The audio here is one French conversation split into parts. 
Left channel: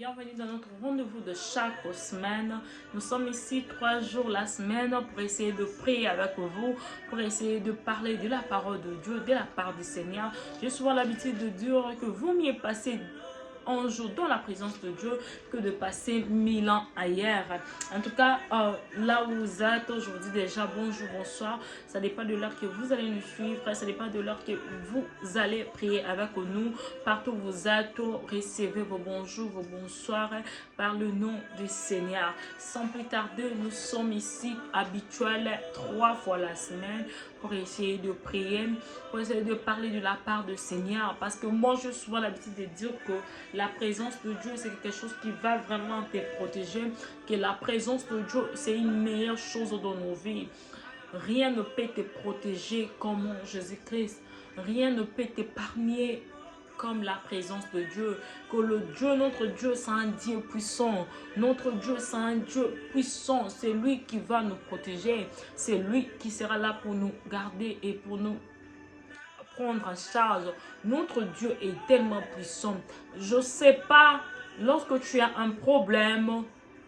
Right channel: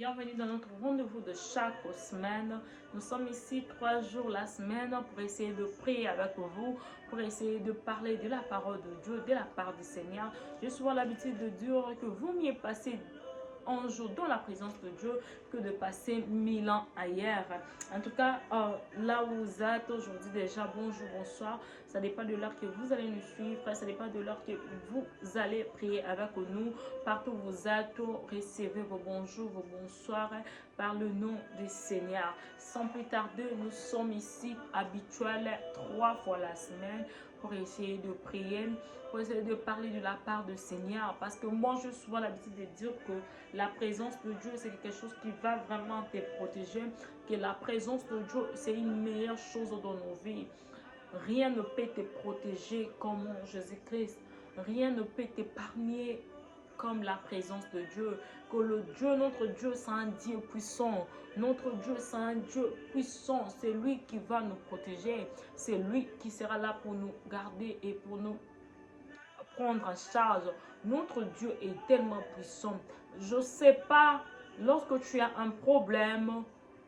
Bienvenue dans notre rendez-vous de chaque semaine. Nous sommes ici 3 jours la semaine pour essayer de prier avec vous, pour essayer de parler de la parole de Dieu, de la part du Seigneur. J'ai souvent l'habitude de dire que vous mieux passez un jour dans la présence de Dieu que de passer 1000 ans ailleurs. En tout cas, là où vous êtes, je vous dis déjà bonjour, bonsoir. Ça dépend de l'heure que vous allez nous suivre. Ça dépend de l'heure que vous allez prier avec nous. Partout où vous êtes, recevez vos bonjours, vos bonsoirs par le nom du Seigneur. Sans plus tarder, nous sommes ici habituels 3 fois la semaine pour essayer de prier, pour essayer de parler de la part du Seigneur. Parce que moi, j'ai souvent l'habitude de dire que la présence de Dieu, c'est quelque chose qui va vraiment te protéger, que la présence de Dieu, c'est une meilleure chose dans nos vies. Rien ne peut te protéger comme Jésus-Christ. Rien ne peut t'épargner comme la présence de Dieu. Que notre Dieu, c'est un Dieu puissant. Notre Dieu, c'est un Dieu puissant. C'est lui qui va nous protéger. C'est lui qui sera là pour nous garder et pour nous prendre en charge. Notre Dieu est tellement puissant. Je ne sais pas, lorsque tu as un problème,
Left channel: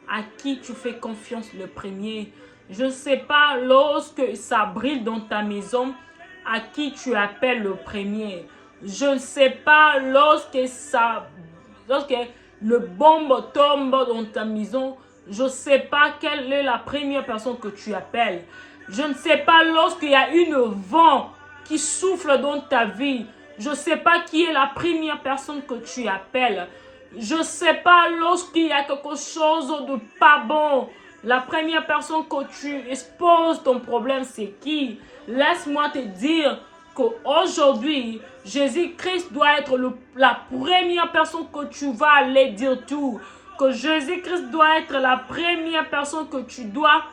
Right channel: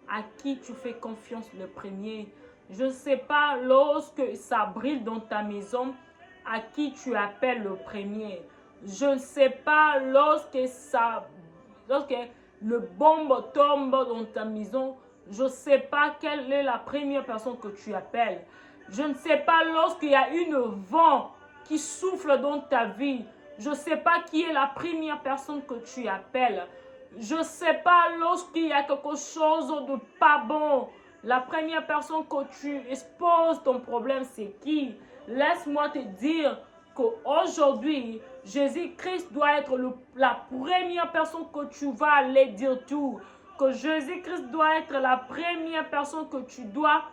à qui tu fais confiance le premier. Je ne sais pas, lorsque ça brille dans ta maison, à qui tu appelles le premier. Je ne sais pas, lorsque le bombe tombe dans ta maison, je ne sais pas quelle est la première personne que tu appelles. Je ne sais pas, lorsqu'il y a une vent qui souffle dans ta vie, je ne sais pas qui est la première personne que tu appelles. Je ne sais pas, lorsqu'il y a quelque chose de pas bon, la première personne que tu exposes ton problème, c'est qui? Laisse-moi te dire qu'aujourd'hui, Jésus-Christ doit être la première personne que tu vas aller dire tout. Que Jésus-Christ doit être la première personne que tu dois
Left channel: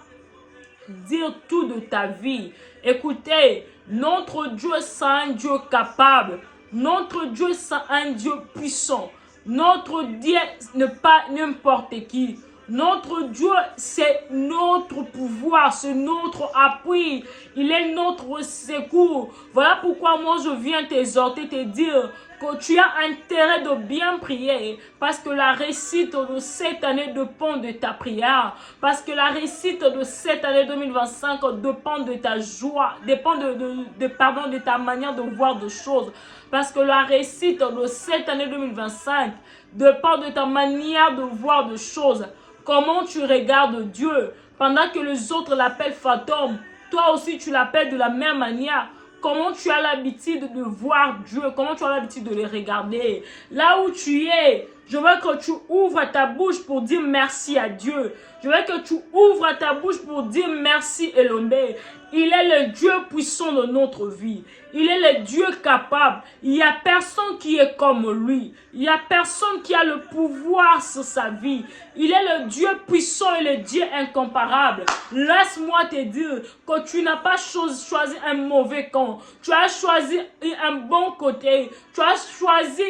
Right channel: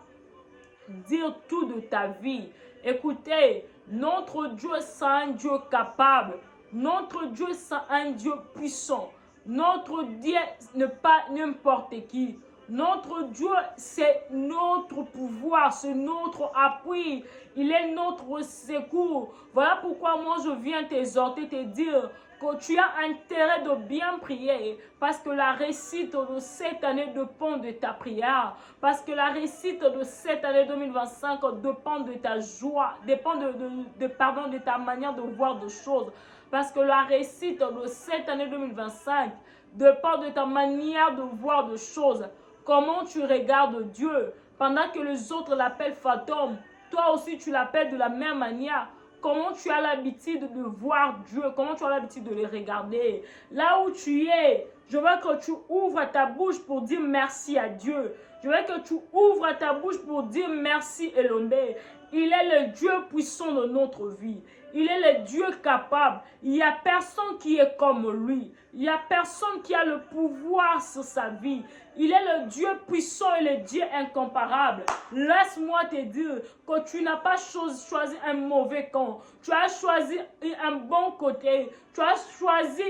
dire tout de ta vie. Écoutez, notre Dieu, c'est un Dieu capable. Notre Dieu, c'est un Dieu puissant. Notre Dieu n'est pas n'importe qui. Notre Dieu, c'est notre pouvoir, c'est notre appui. Il est notre secours. Voilà pourquoi moi je viens t'exhorter, te dire que tu as intérêt de bien prier. Parce que la réussite de cette année dépend de ta prière. Parce que la réussite de cette année 2025 dépend de ta joie, dépend de ta manière de voir des choses. Parce que la réussite de cette année 2025 dépend de ta manière de voir des choses. Comment tu regardes Dieu pendant que les autres l'appellent fantôme, toi aussi tu l'appelles de la même manière. Comment tu as l'habitude de voir Dieu, comment tu as l'habitude de le regarder. Là où tu es, je veux que tu ouvres ta bouche pour dire merci à Dieu. Je veux que tu ouvres ta bouche pour dire merci Elohim. Il est le Dieu puissant de notre vie. Il est le Dieu capable. Il n'y a personne qui est comme lui. Il n'y a personne qui a le pouvoir sur sa vie. Il est le Dieu puissant et le Dieu incomparable. Laisse-moi te dire que tu n'as pas choisi un mauvais camp. Tu as choisi un bon côté. Tu as choisi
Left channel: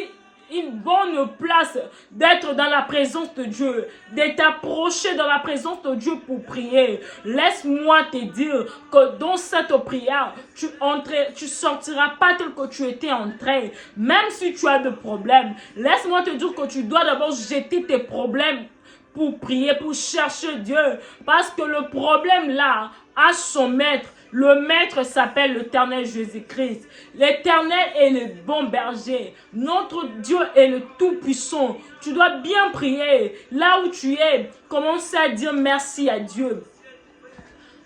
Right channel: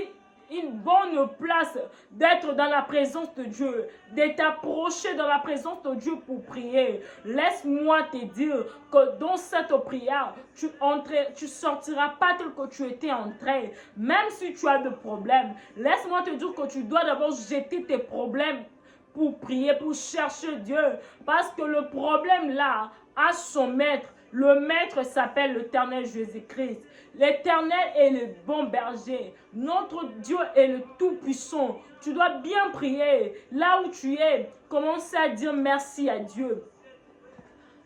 une bonne place d'être dans la présence de Dieu, de t'approcher dans la présence de Dieu pour prier. Laisse-moi te dire que dans cette prière, tu sortiras pas tel que tu étais entré. Même si tu as des problèmes, laisse-moi te dire que tu dois d'abord jeter tes problèmes pour prier, pour chercher Dieu. Parce que le problème là a son maître. Le maître s'appelle l'Éternel Jésus-Christ. L'Éternel est le bon berger. Notre Dieu est le Tout-Puissant. Tu dois bien prier. Là où tu es, commence à dire merci à Dieu.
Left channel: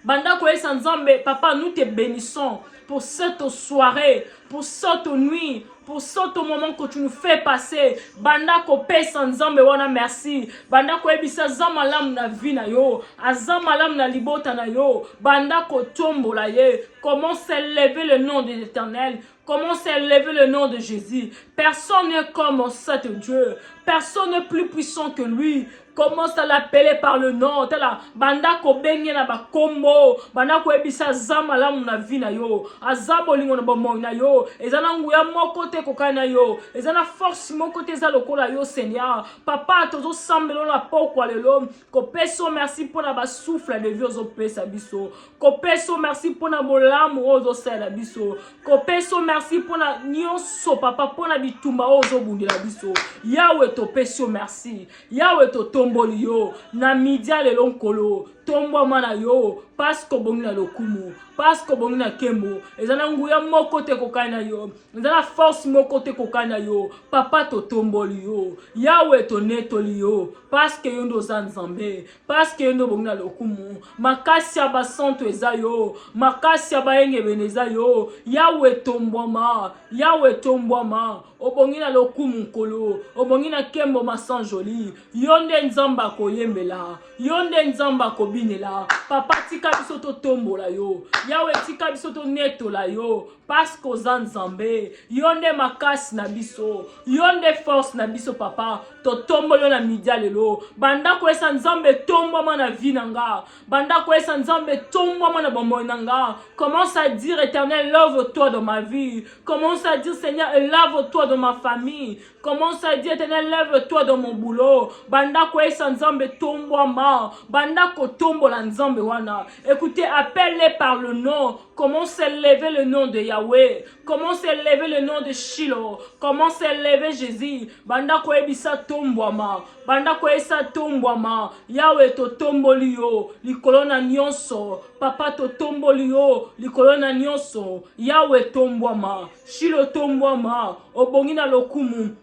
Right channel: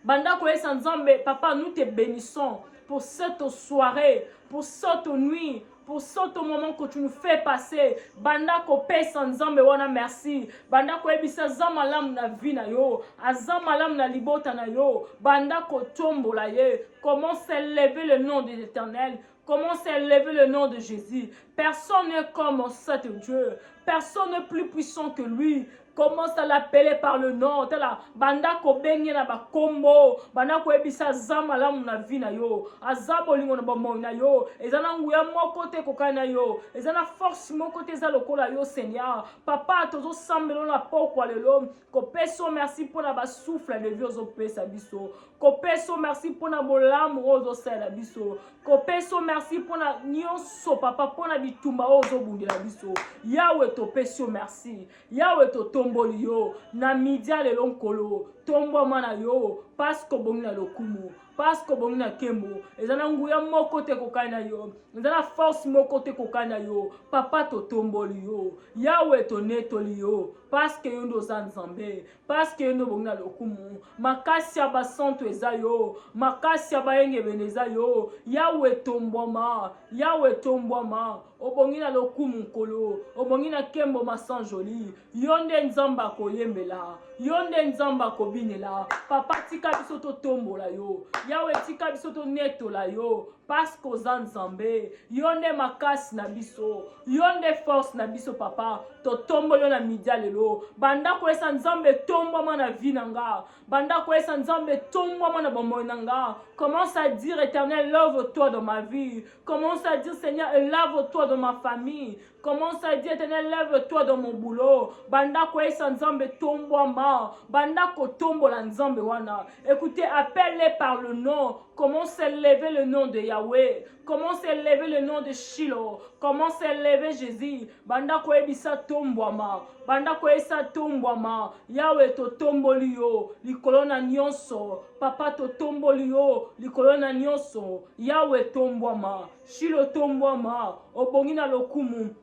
Banda Koye Sanzambe, papa, nous te bénissons pour cette soirée, pour cette nuit, pour ce moment que tu nous fais passer. Banda Kope Sanzambe, wana merci. Banda Koye Bisa Zamalam na vina yo, Azamalam na libota na yo, Banda Kotombo la ye. Comment s'élever le nom de l'Éternel? Comment s'élever le nom de Jésus? Personne n'est comme cet Dieu. Personne n'est plus puissant que lui. Commence à l'appeler par le nom. Tala banda ko bengi na ba kombo. Banda ko ebisa zama la muna vina yo. Azabo lingo na bomo na yo. Ezana nguya moko te kokana yo. Ezana force moko te za lokola yo Seigneur. Papa tozo sambelo na pokwa lelo. Ko peso merci pour na ba souffle de vie ozo pesa biso. Ko peso merci pour na bolamu ozo sela biso. Ko peso merci pour na nyonso papa pour na bitumba ozo bundila biso. Yahweh to peso merci. Yahweh to tomboli yo. Na midia lelo nkolo. Tombo mana yo. Parce que bongi na lokumu. Parce que bongi na kembo. Ezana nguya moko te kokana yo. Ezana force moko te kokana yo. Papa to tomboli yo. Yahweh to netoli yo. Parce que yondo zanzambe. Parce que yondo bongi na lokumu. Makasi ya basanto eza yo. Makasi ya baenge beneza yo. Yahweh tombwama. Yahweh tombwama. Obongi na lokumu nkolo. Obongi na kembo masanjoli. Yonde nzamba koyembela. Yonde nzamba kobinela. Papa tika biso to tombola yo. Yahweh tika biso to netola yo. Parce que zanzambe. Yonde makasi na biso. Yonde force na biso papa. To tombolo na midia lelo. Banda ko esa nzambe tombwa na vie nanga. Banda ko esa nzambe tombwa na bombo nanga. Commence à dire Éternel, lève-toi dans ma vie. Commence à dire Seigneur, lève-toi dans ma famille. Commence à dire Éternel, lève-toi dans mon boulot. Banda ko esa nzambe tombwa ma. Banda ko tombola nzambe wana. Écoutez, appelle-les par le nom. Commence à élever le nom de Yahweh. Commence à élever le nom de Shiloh. Commence à élever Jésus. Banda ko ebisa tombwama. Banda ko esa tombwama. Yahweh to tomboli yo. Likolo na nyonso. Papa to tomboli yo. Likolo na nyonso. Yahweh tombwama. Shiloh tombwama. Obongi na lokumu.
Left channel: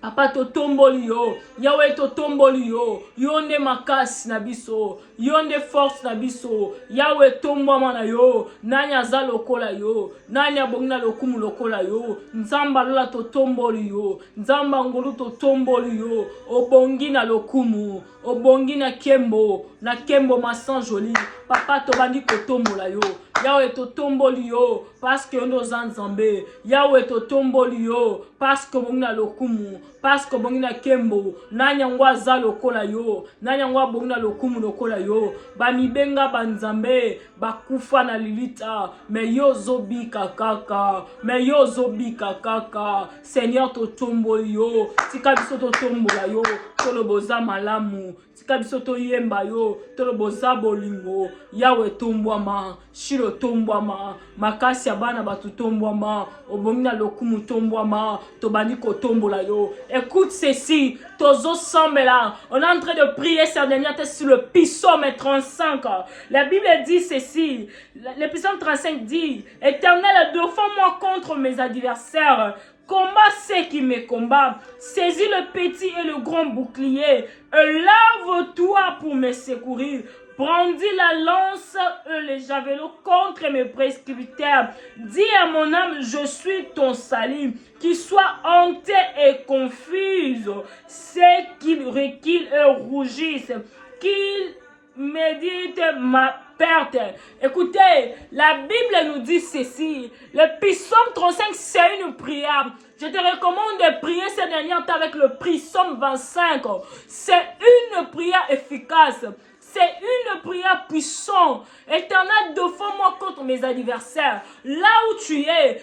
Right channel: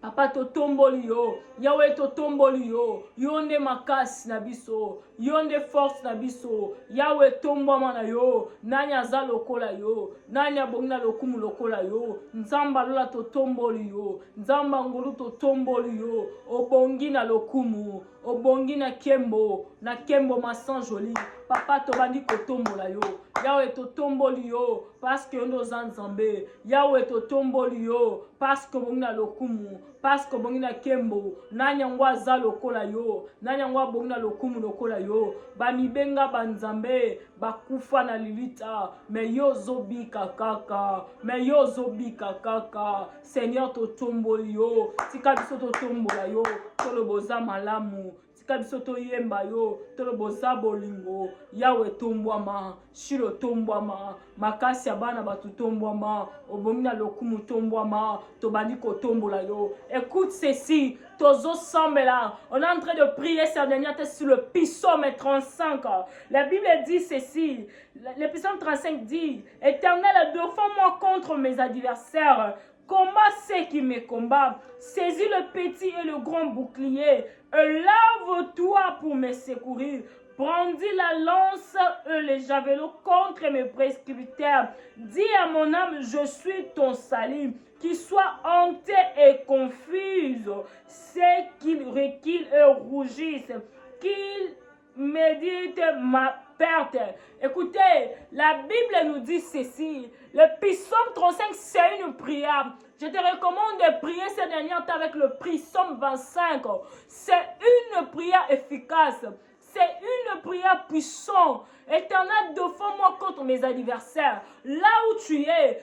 Papa to tomboli yo. Yahweh to tomboli yo. Yonde makasi na biso. Yonde force na biso. Yahweh tombwama na yo. Nani aza lokola yo. Nani abongi na lokumu lokola yo. Nzamba lola to tomboli yo. Nzamba ngolu to tomboli yo. Obongi na lokumu. Obongi na kembo. Na kembo masanjoli. Papa to bandi ko tombola yo. Yahweh to tomboli yo. Parce que yondo zanzambe. Yahweh to tomboli yo. Parce que bongi na lokumu. Parce que bongi na kembo. Nanya ngwa za lokola yo. Nanya ngwa bongi na lokumu lokola yo. Bamibenga banzambe. Bakufa na lilita. Me yo zobika kaka. Me yo zobika kaka. Seigneur to tomboli yo. Tika biso to tombola yo. Tolo boza malamu. Tika biso to yemba yo. Tolo boza bolingo. Yahweh tombwama. Shilo tombwama. Makasi ya bana batu tombwama. Obongi na lokumu tombwama. Tobani ko tombola yo. Écoute ceci. Tozo sambela. On est en train de prier cette dernière tête sur le psaume 35. La Bible dit ceci. Le psaume 35 dit: Éternel, défends-moi contre mes adversaires. Combat ceux qui me combattent. Saisis le petit et le grand bouclier. Lève-toi pour me secourir. Brandis la lance et les javelots contre mes prescripteurs. Dis à mon âme, je suis ton salut. Qu'il soit hanté et confuse. C'est qu'il reculent et rougissent. Qu'il médite ma perte. Écoutez, la Bible nous dit ceci. Le psaume 35, c'est une prière. Je te recommande de prier cette dernière temps avec le psaume 25. C'est une prière efficace. C'est une prière puissante. Éternel, défends-moi contre mes adversaires. Là où tu es,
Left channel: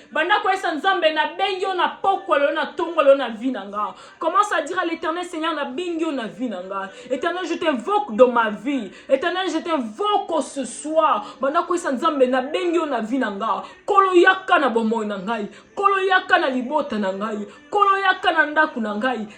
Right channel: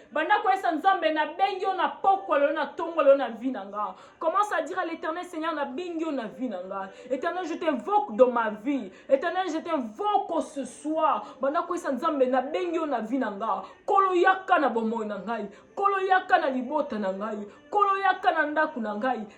commence à dire à l'Éternel, Seigneur, Éternel, je t'invoque dans ma vie. Éternel, je t'invoque ce soir.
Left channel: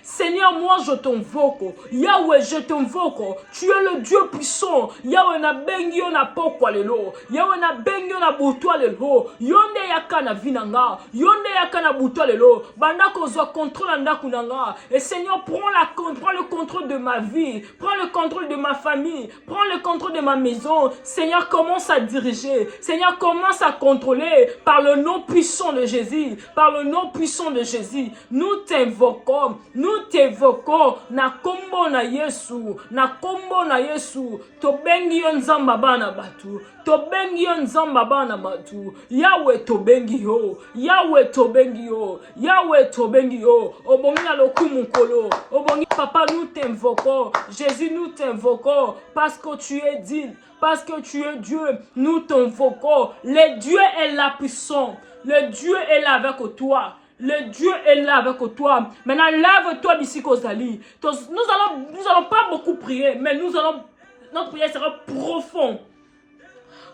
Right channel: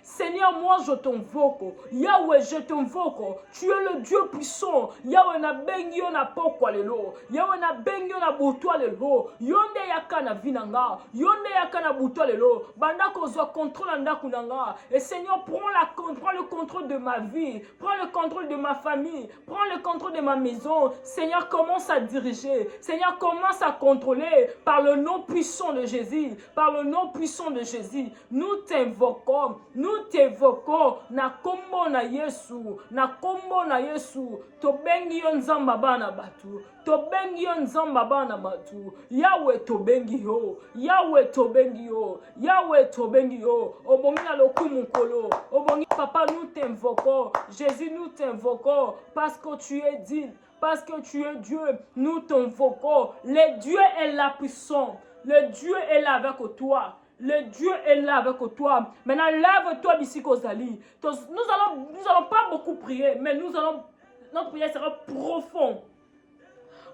Seigneur, moi je t'invoque. Yahweh, je t'invoque. Tu es le Dieu puissant. Yahweh na bengio na pokwa lelo. Yahweh na bengio na butwa lelo. Yonde yaka na vinanga. Yonde yaka na butwa lelo. Banda kozwa contrôle ndaku nanga. Et Seigneur, prends le contrôle de ma vie. Prends le contrôle de ma famille. Prends le contrôle de ma maison. Seigneur, commence à diriger. Seigneur, commence à contrôler par le nom puissant de Jésus. Par le nom puissant de Jésus. Nous t'invoquons. Nous t'invoquons. Na kombo na Yesu. Na kombo na Yesu. Tobengi yo nzamba bana batu. Tobengi yo nzamba bana batu. Yahweh tobengi yo. Yahweh tobengi yo. Yahweh tobengi yo. Obongi na lokumu kolo. Obongi papa. Papa, nous t'invoquons. Jésus, nous t'invoquons parce que tu es digne, parce que tu es Dieu. Nous t'invoquons. Le Dieu est là puissant. Le Dieu est là avec toi. Le Dieu est là avec toi. Maintenant, lave-toi d'ici Kozali. Nous allons pas beaucoup prier, mais notre prière sera profonde.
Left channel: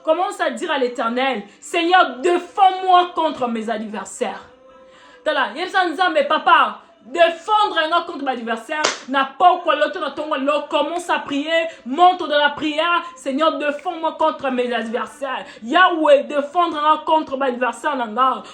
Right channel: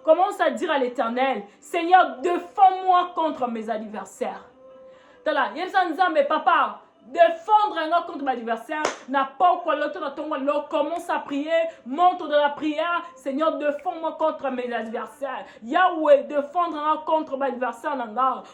Commence à dire à l'Éternel, Seigneur, défends-moi contre mes adversaires. Mais papa, défendre un contre l'adversaire n'a pas quoi l'autre. Commence à prier, monte dans la prière. Seigneur, défends-moi contre mes adversaires. Yahweh, défendre un contre l'adversaire.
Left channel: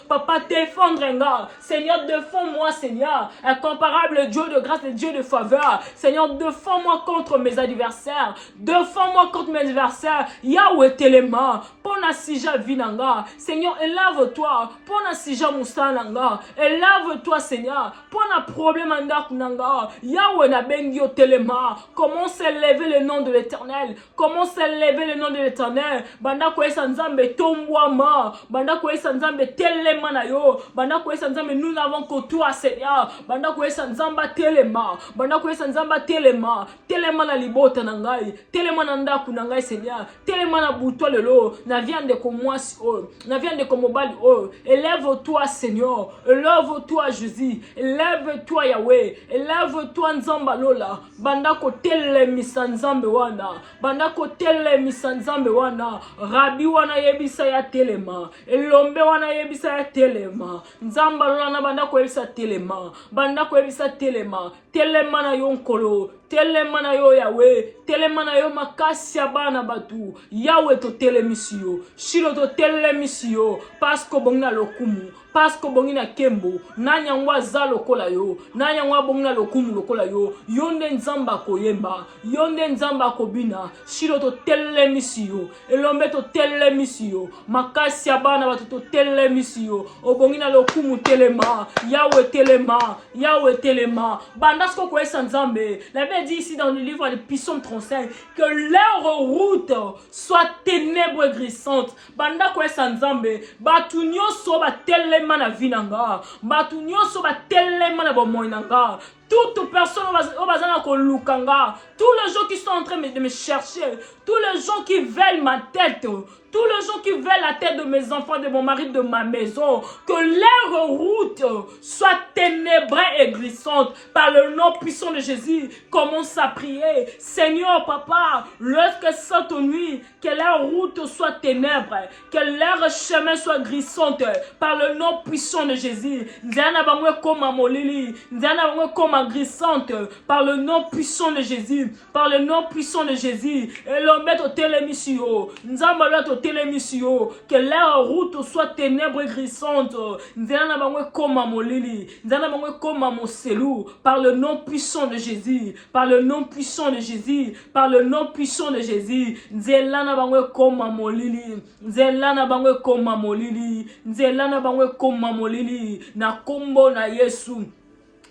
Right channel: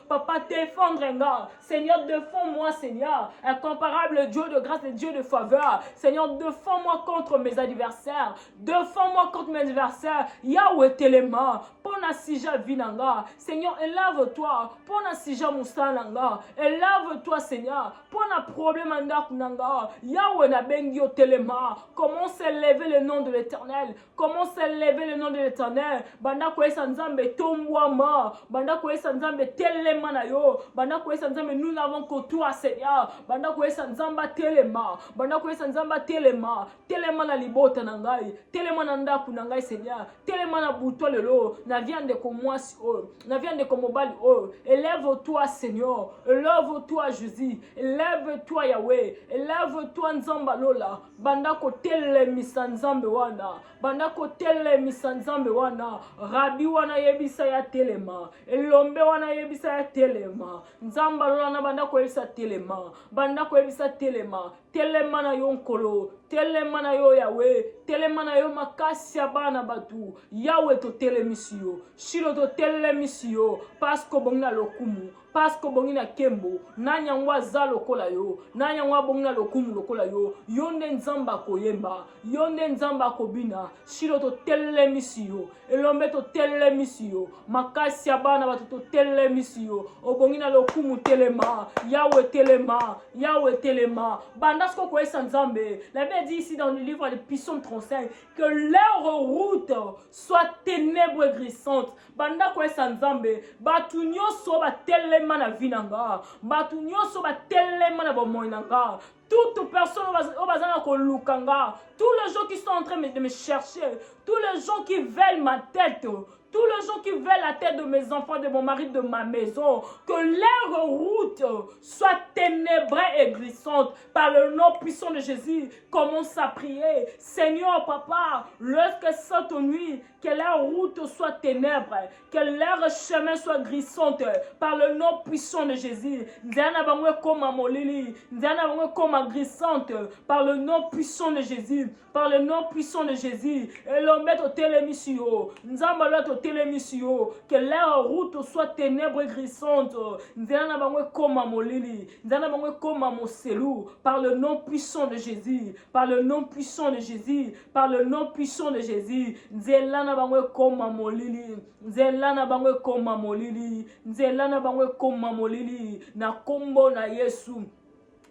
Papa, défendre un. Seigneur, défends-moi, Seigneur. Incomparable Dieu de grâce et Dieu de faveur. Seigneur, défends-moi contre mes adversaires. Défends-moi contre mes adversaires. Yahweh, téléma. Pona sija vinanga. Seigneur, élève-toi. Pona sija moussananga. Élève-toi, Seigneur. Pona problème en Kunanga, Yahweh na bengi au téléma. Comment s'élever le nom de l'Éternel? Comment s'élever le nom de l'Éternel? Banda ko esanzambe tombwama, banda ko esanzambe telema na yo, banda ko esanzambe nous n'avons que toi Seigneur, banda ko esanzamba telema, banda ko esanzamba telema, telema na libota na ngai, telema na ndaku na ngai Seigneur, telema na buto lelo, na viande ko mwasi o, na viande ko mobali o. Élève-toi Seigneur, élève-toi Jésus, élève-toi Yahweh, élève-toi Nzamba Lola, banda ko telemisa Nzambe wana, banda ko telemisa Nzambe wana, Rabi wana yebisa ya telema, elombe wana yebisa ya telema, Nzamba Lola na banda ko yebisa telema, banda ko yebisa telema, telema na yonkolo, telema na yo Yahweh, telema na yo makasi ya bana batu, Yahweh to telemisio, shilo to telemisio, pasko bongna lokumu, pasko bongina kembo, nanya ngwa za lokola yo, nanya ngwa bongna lokumu lokola yo, yonde Nzamba koyemba, yonde Nzamba kobina, shilo to telemisio, elombe to telemisio, makasi ya bana batu to telemisio, obongina lokumu telema, Yahweh telema, Yahweh telema, bandasko koesa Nzambe. La Bible dit ici dans le livre de Psaume 35 que leur route soit ténèbres et grissantes. Banda koesa Nzambe, batu nyoso ba telema na vinanga, batu nyoso ba telema na bomoinanga. Toute personne au bazar kolukanga, tous les gens qui sont en train de me chercher, tous les gens qui veulent ma tête, tous les gens qui veulent la tête de mes enfants, de mon mari, de ma maison, que leur route soit ténébrée et glissante par le nom puissant de Jésus. Commence à prier, Seigneur Papa, lorsque cette nuit, que leur route soit ténèbre, que leur chemin soit glissante par le nom puissant de Jésus. Nzana bangwe koma molili, nzana bangwe koma glissante par le nom puissant de Jésus, par le nom puissant de Jésus. Et l'homme au télémisio, nzamba lot au télémisio, que leur route soit ténèbre et glissante. Nzana bangwe koma molili, nzana bangwe koma moselu, par le nom puissant de Jésus, par le nom puissant de Jésus, par le nom puissant de Jésus. Nzelana bangwe koma molili, nzelana bangwe koma molili, nzelana bangwe koma molili, na kombo na Yesu.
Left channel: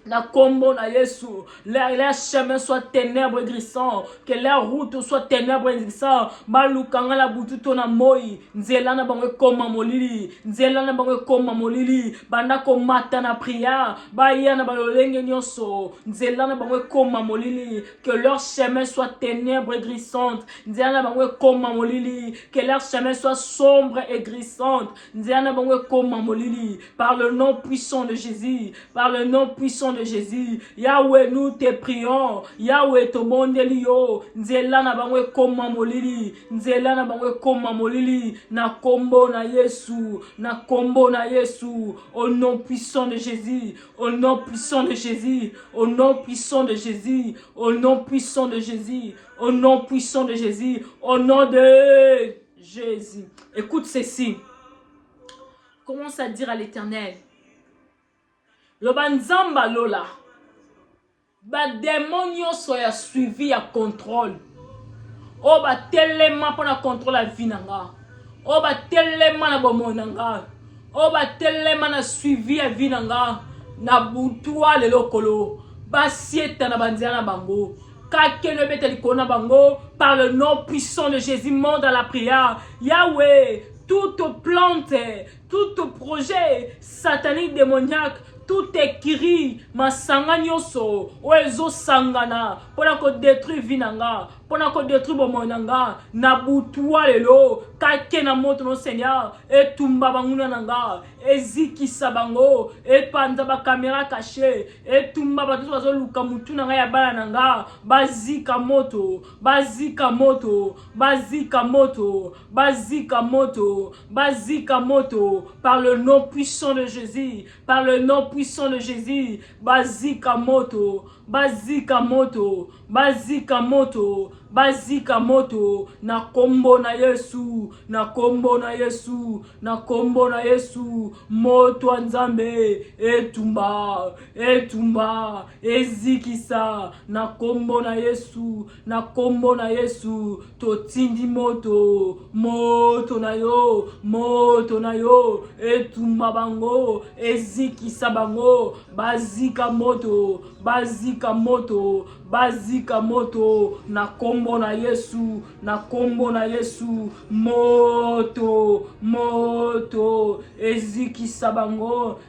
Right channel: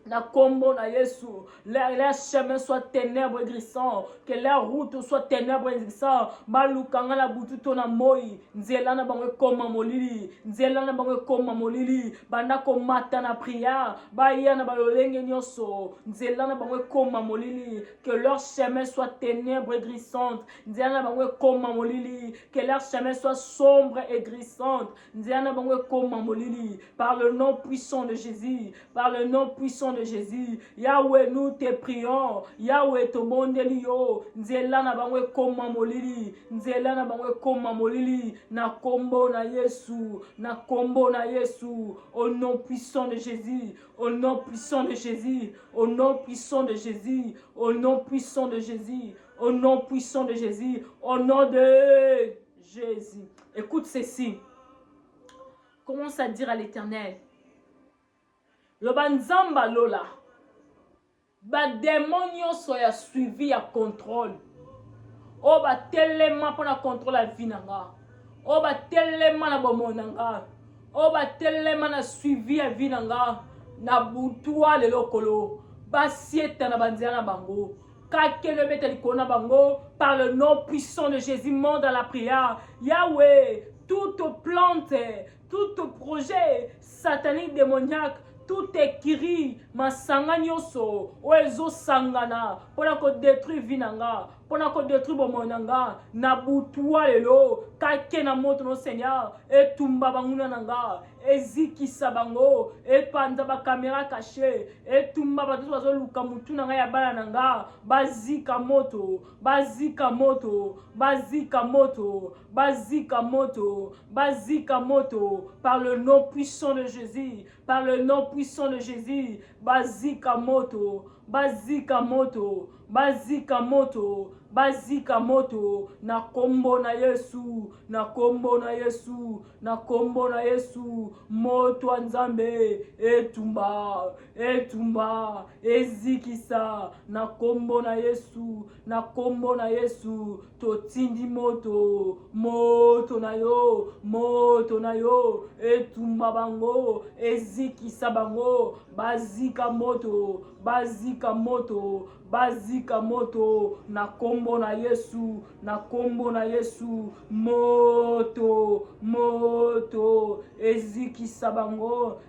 La combo na Yesu, leur chemin soit ténèbres et glissant, que leur route soit ténèbres et glissant. Balukanga la bututo na moi, nzelana bangwe koma molili, nzelana bangwe koma molili, banda ko mata na prière, bayana balolenge nyonso, nzelana bangwe koma molili, que leur chemin soit ténèbres et glissantes, nzelana bangwe koma molili, que leur chemin soit sombre et glissante, nzelana bangwe koma molili, par le nom puissant de Jésus, par le nom puissant de Jésus. Yahweh, nous te prions. Yahweh, to mondelio. Nzela na bangwe koma molili. Nzela na bangwe koma molili. Na kombo na Yesu. Na kombo na Yesu. Au nom puissant de Jésus. Au nom puissant de Jésus. Au nom puissant de Jésus. Au nom puissant de Jésus. Au nom puissant de Jésus. Au nom de Jésus. Écoute ceci. Commence à dire à l'Éternel. Le banzamba lola. Ba démon soya suivi à contrôle. O ba telema pour na contrôle la vie nanga. O ba telema na bomonanga. O ba telema na suivi à vie nanga. Na butua le lokolo. Ba sieta na banziana bango. Kake ne bete likona bango. Par le nom puissant de Jésus, monte dans la prière. Yahweh, toute plante, tout projet satanique démoniaque, tout écrit masanga nyonso oezo sangana pona ko détruire vinanga pona ko détruire bomonanga na butua lelo kake na moto no Seigneur etumba banguna nanga ezikisa bango epanza ba caméra cachée etumba bato bazo luka mutu nanga ya bala nanga bazika moto bazika moto bazika moto bazika moto bazika moto par le nom puissant de Jésus par le nom puissant de Jésus bazika moto bazika moto bazika moto bazika moto na kombo na Yesu na kombo na Yesu na kombo na Yesu moto nzambe etumba etumba ezikisa na kombo na Yesu na kombo na Yesu totindi moto moto na yo etumba bango ezikisa bango bazika moto bazika moto bazika moto na kombo na Yesu na kombo na Yesu moto moto ezikisa bango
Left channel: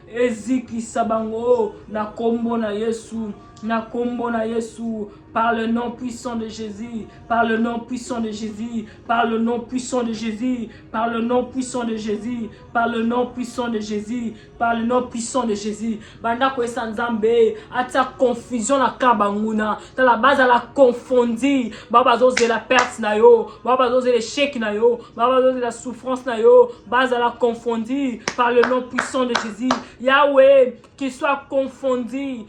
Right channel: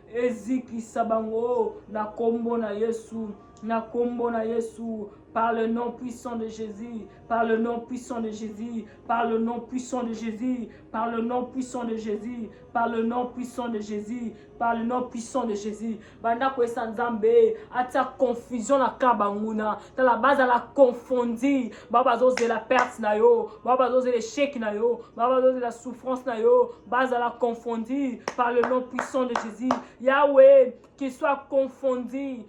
na kombo na Yesu na kombo na Yesu par le nom puissant de Jésus par le nom puissant de Jésus par le nom puissant de Jésus par le nom puissant de Jésus par le nom puissant de Jésus par le nom puissant de Jésus banda ko esanzambe ata confusion na kabanguna dans la base à la confondir baba zoze la perte na yo baba zoze l'échec na yo baba zoze la souffrance na yo base à la confondir par le nom puissant de Jésus Yahweh qu'il soit confondu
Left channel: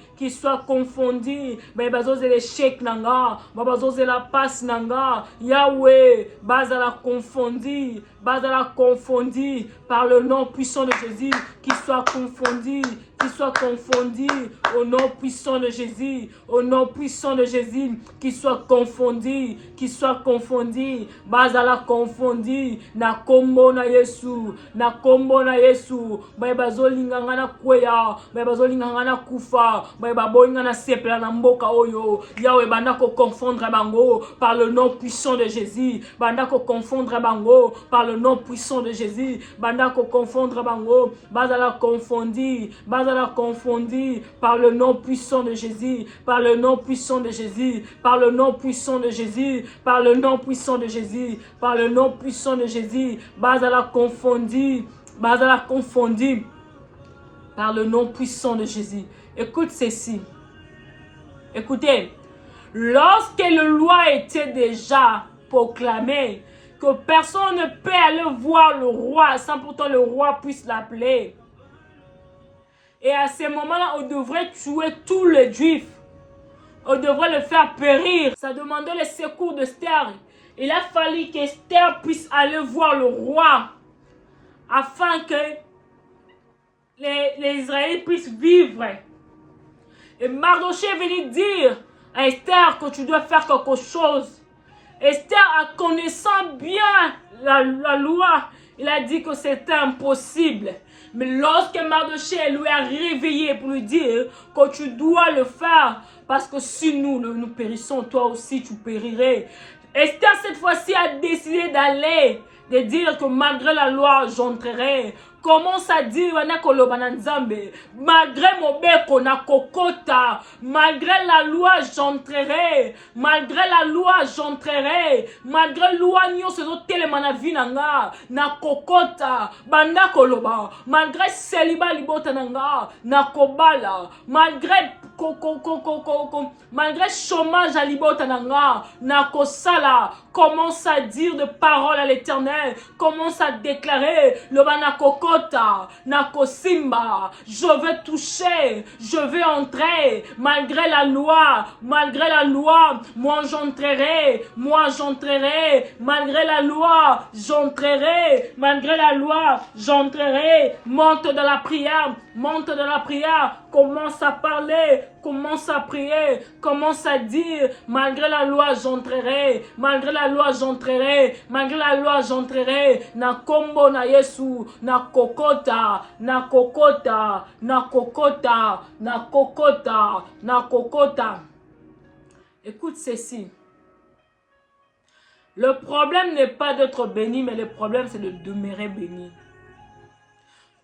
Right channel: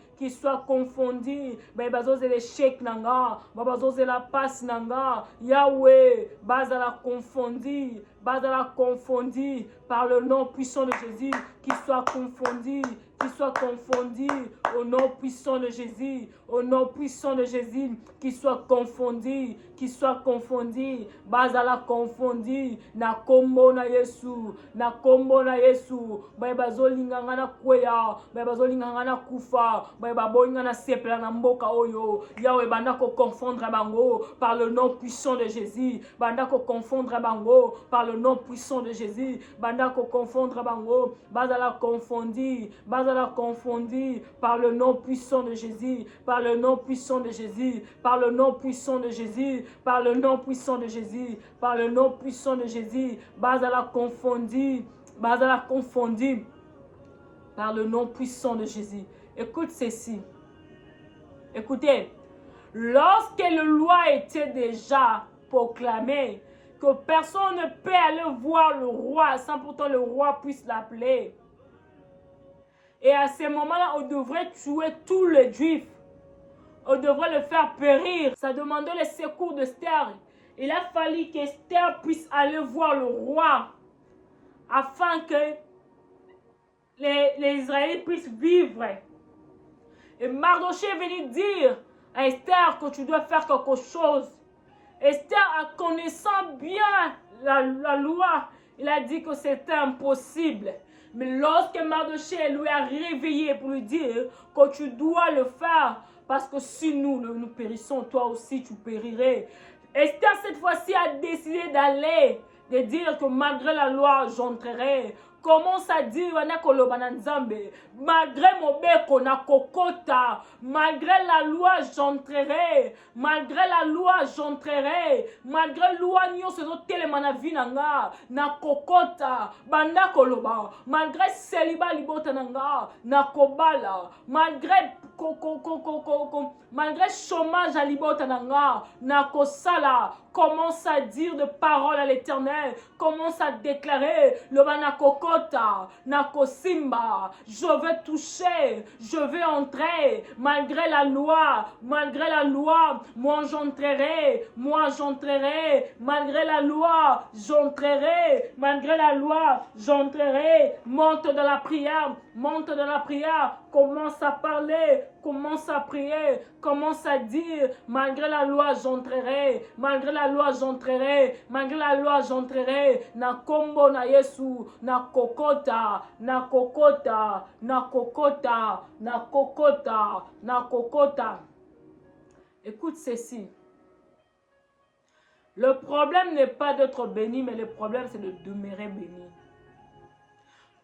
baba zoze l'échec nanga baba zoze la passe nanga Yahweh base à la confondir par le nom puissant de Jésus qu'il soit confondu au nom puissant de Jésus au nom puissant de Jésus qu'il soit confondu base à la confondu na kombo na Yesu baba zolinga na kweya baba zolinga na kufa baba bolinga na sepela na mboka oyo Yahweh banda ko confondre bango par le nom puissant de Jésus banda ko confondre bango par le nom puissant de Jésus banda ko confondre bango base à la confondu par le nom puissant de Jésus par le nom puissant de Jésus par le nom puissant de Jésus par le nom puissant de Jésus par le nom puissant de Jésus base à la confondu par le nom puissant de Jésus. Écoute ceci. Écoutez, lorsque la loi était déjà proclamée, que personne ne peut aller voir le roi sans pourtant le roi puisse l'appeler. Et à ce moment-là, on devrait tuer tous les Juifs. On devrait le faire périr. Ça demandait le secours d'Esther. Il a fallu qu'Esther puisse aller voir le roi afin que les Israélites puissent vivre. Et Mardochée est venu dire à Esther que tu dois faire quelque chose. Esther, en connaissant bien la loi, il a dit que c'était impossible. Mais lorsque Mardochée lui a réveillé pour lui dire que tu dois le faire, parce que si nous périssons, toi aussi tu périrais. Esther cette fois-ci a décidé d'aller, de dire que malgré la loi, j'entrerai. Commence à dire malgré mon beko na kokota, malgré la loi j'entrerai, malgré la loi j'entrerai, malgré loi nyonso ezotelema na vi nanga na kokota banda koloba, malgré celibat libota nanga na kobala, malgré malgré chômage à libota nanga na kosala. Commence à dire de paroles à l'Éternel, commence à déclarer le banakokota nakosimba, je vais toucher, je vais entrer malgré la loi, moi j'entrerai, malgré la loi j'entrerai, monte dans la prière, commence à parler, commence à prier, commence à dire malgré la loi j'entrerai, na kombo na Yesu, na kokota. Écoute ceci. Le problème n'est pas d'être béni, mais le problème c'est de demeurer béni.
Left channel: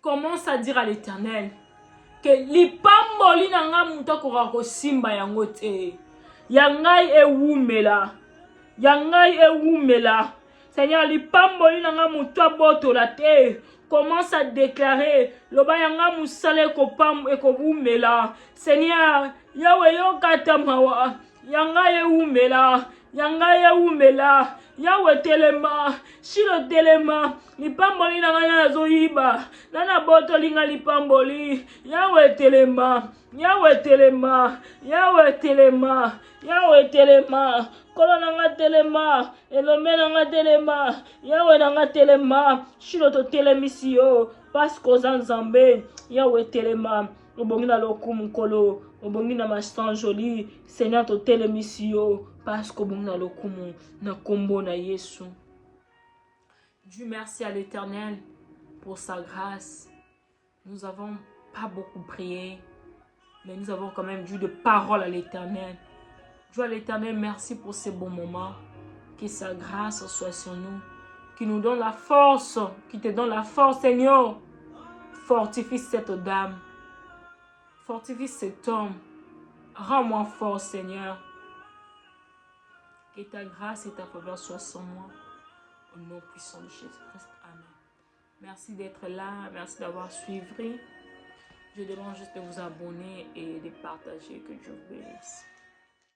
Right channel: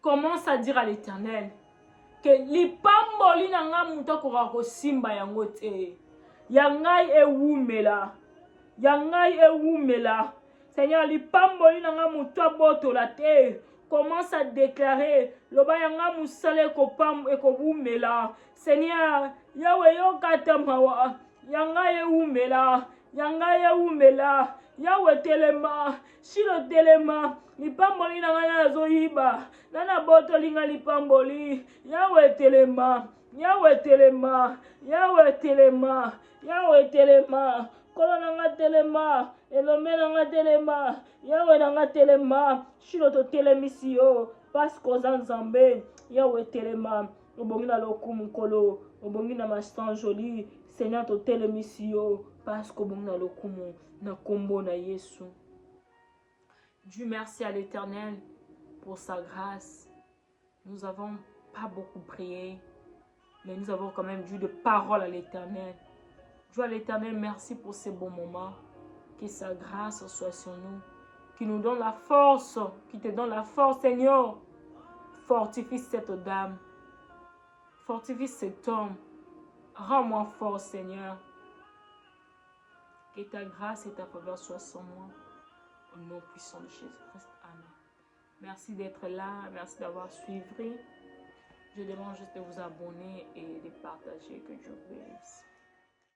Commence à dire à l'Éternel que lipamboli na nga mutu akoka kosimba yango te. Ya ngai ewumela. Ya ngai ewumela. Seigneur, lipamboli na nga mutu abotola te. Commence à déclarer loba yanga musale ekobumela. Seigneur, yawe yokata mawa. Yanga ewumela. Yanga ewumela. Yawe telema. Shilo telema. Lipamboli na nga nazoyiba. Nana boto linga lipamboli. Yawe telema. Yawe telema. Yawe telema. Yawe telema. Kolo nanga telema. Elome nanga telema. Yawe nanga telema. Shilo to telemisi yo. Pasko zanzambe. Yawe telema. Obongi na lokumu kolo. Obongi na mastan joli. Seigneur to telemisi yo. Pasko obongi na lokumu. Na kombo na Yesu. Dieu merci à l'Éternel pour sa grâce. Nous n'avons pas beaucoup prié, mais nous avons quand même dû de parole à l'Éternel. Dieu à l'Éternel, merci pour ces bons moments. Que sa grâce soit sur nous. Qui nous donne la force. Qui te donne la force, Seigneur. Fortifie cette dame. Fortifie cet homme. Rends-moi fort, Seigneur. Que ta grâce et ta faveur soient sur moi. Au nom puissant de Jésus-Christ. Amen. Merci d'être là. Merci d'avoir suivi. Je demande juste de vous abonner et de partager. Que Dieu vous bénisse.